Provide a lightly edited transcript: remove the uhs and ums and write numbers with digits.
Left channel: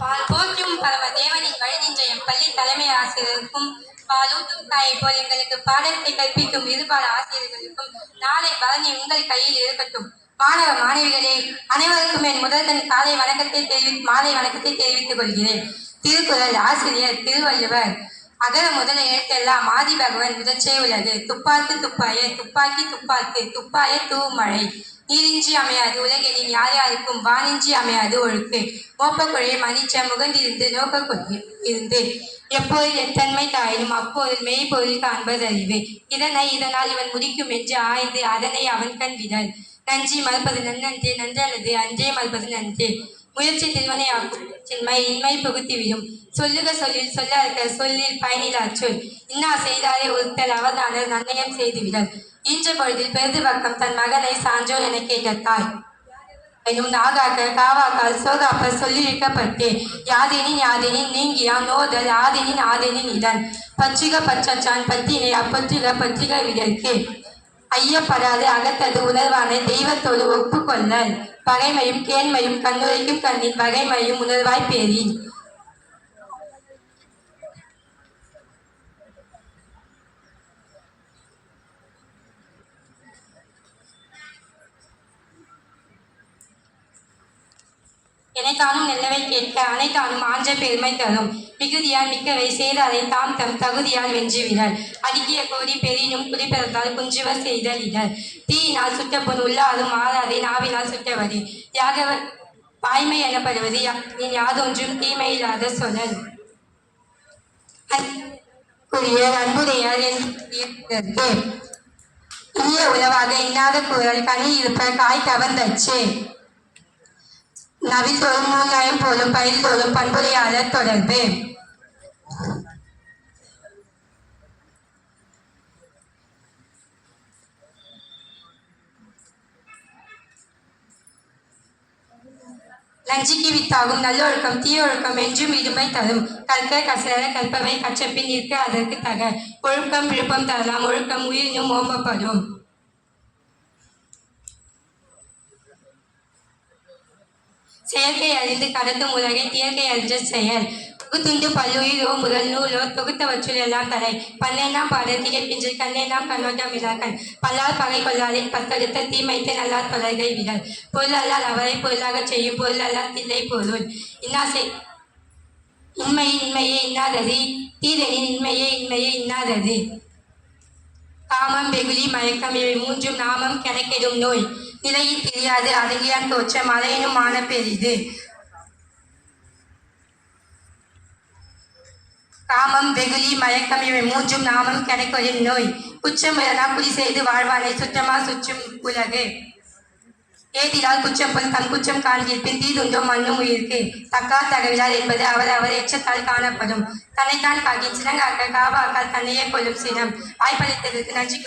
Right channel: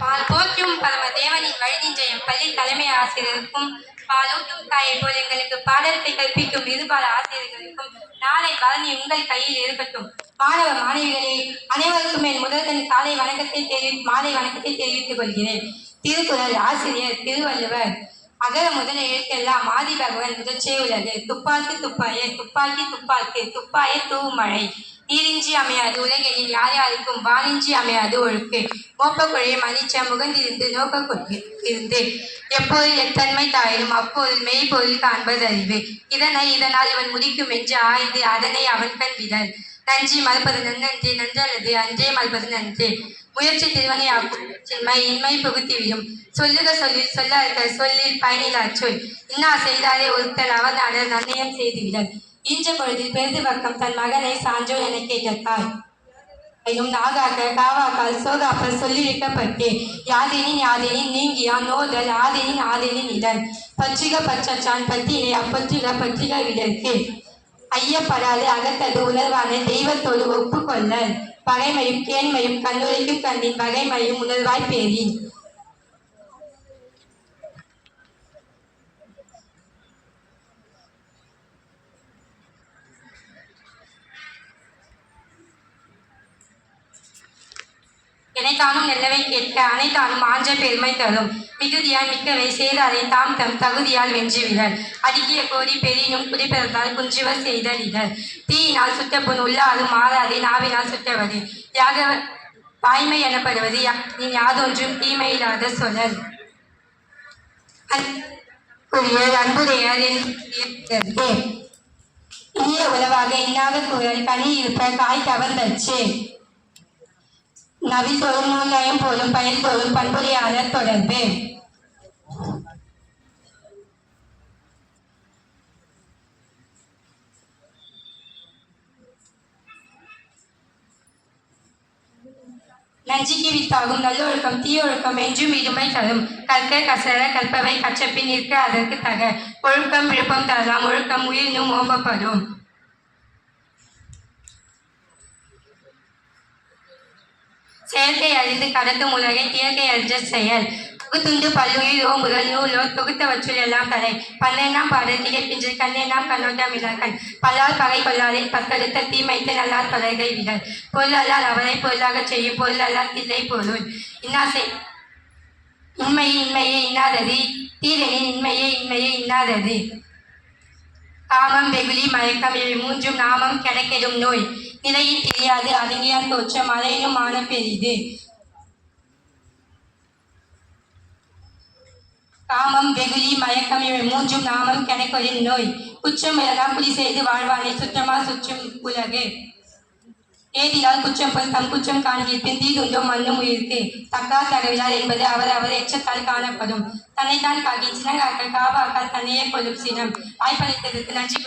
போற்றும் பரம தேவனின் வழி நின்ற என் பள்ளி தலைமை ஆசிரியருக்கும் பாலூட்டும் தாயை போல் எங்களுக்கு பாடத்தை கற்பிக்கும் இருபால ஆசிரியர்களுக்கும் நாளை பரணி உங்கள் கையில் இருக்கட்டும். மாணவ மாணவிகளே, அனைவருக்கும் என் முதற்கண் மாலை வணக்கத்தை தெரிவித்துக் கொள்கிறேன். திருக்குறள் ஆசிரியர் திருவள்ளுவர். அகர முதல எழுத்தெல்லாம் ஆதி பகவன் முதற்றே உள்ளது. துப்பாக்கு துப்பாய துப்பாக்கி துப்பாக்கு துப்பாய தூமழை நீரின்றி அமையாது உலகில் யார் யாருக்கும் வானின்றி அமையாது ஒழுக்கு. மோப்பக்குழைய மணிச்ச முகந்திருந்து நோக்க இருந்து எப்பொருள் எத்தன்மை தாயினும் அப்பொருள் மெய்ப்பொருள் காண்பது அறிவு. இதனால் இவன் முடிக்கும் என்று ஆய்ந்து அதனை அவன் கண் விடல். நன்றி மறுப்பது நன்னன்றே நன்றல்லது அன்றே மறுப்பது நன்றே. முயற்சி திருவனை சின்மை இன்மை புகுத்திவிடும். சொல்லுக சொல்லில் சொல்ல சொல்லில் பயனிலா சொல். இன்னா செய்தாரே ஒருத்தல் அவர் நாடர் நன்னயம் செய்துவிடல். ஈன்ற பொழுதில் பெருது பக்கம் தன் மகனை சான்றோர் என கேட்டாய் எனும் நாகாக்க காவாக்கால் சோகாப்ப சொல்லியிருக்கப்பட்டே. யாதெனின் நீங்கியாம் நோதல் ஆதெனின் இதன் பற்றிக பற்றான் பத்தினை அப்பற்றிக விடற்கே. ஐயப்படாது அகத்தது உணர்வான தெய்வத்தோடு ஒப்புக்கொள்ளல். பகைமையும் கேண்மையும் கண்ணுரைக்கும் கண்ணின் வகைமையும் உணர்வாய் பேரின். எனைத்தானும் நல்லவை கேட்க அனைத்தானும் ஆன்ற பெருமை தரும். மிகுதியால் மிக்கவை செய்தாரை தாம் தம் தகுதியால் வென்றுவிடல். அடுக்கிய கோரி பெரினும் குடிப்பிறந்தால் குன்றுவர் செய்தல் இடர். தீயினால் சுட்ட பொன் உள்ளாலும் மாறாதே நாவினால் சுட்டவது. வாய்மை எனப்படுவது யாதொன்றும் தீமையில்லாத சொல்லல். அன்புடையார் இனிய உளவாக இன்னாத கூறல் கனி இருப்ப காய் கவர்ந்தச்சு. நவில் தோறும் நூல்நயம் போலும் பயில் தோறும் பண்புரையாளர் தொடர்பு. நஞ்சிக்கு வித்தாகும் நல்லொழுக்கம் தீயொழுக்கம் என்றும் இடுமை தரும். கற்க கசர கற்பவை கற்றப்பின் நிற்க அதற்கு தக. ஒழுக்கம் விழுப்பம் தரலாம் ஒழுக்கம் உயிரினும் ஓம்பப்படும். செயற்கை அறிந்து கடத்தும் உலகை தியற்கை அறிஞ்ச செயல். தொகுத்துண்டு பல்லுயிரோ முதல் நூலோ தொகுத்தவற்றுள் எல்லாம் தலை. பண்ணேனாம் பாடல் திகைப்பின்று கண்ணேனாம் கண்ணோட்டம் விழாக்கள். பல்லால் பகை கொள்ளாதே பத்தெடுத்த தீமைத்து நல்லார் தொடர்கை விடல். பொருளால் அவரை பொருளாகச் செய்யும் பொருளால் தில்லை பொருள். இன்மையே இன்னாதது தீதனின் இன்மையே இன்னாதது. காமம் வெகுளி மயக்கம் இவை மூன்றும் நாமம் கெடக்கெடும் நோய். நிலையில் தெரியாது அடங்கியான் தோற்றம் அலையினும் மான பெரிது. காமம் வெகுளி மயக்கம் இவை மூன்றும் நாமம் கெடக்கெடும் நோய். குற்றம் எல்லாம் குடி செய்து வாழ்வானை சுற்றமா சுற்றும் உலகு. ஏதிலால் குற்றம் போல் தம் குற்றம் காண்கிற்பின் தீதுண்டோம் மண்ணும் உயிருக்கு. தக்கார் தகவிலார் என்பது அவர் எச்சத்தால் காணப்படும். தன்னைத்தான் காக்கி சினங்காக்க காவாக்கால் தன்னையே கொள்ளும் சினம். வாய்ப்பளித்ததற்கு நன்றி.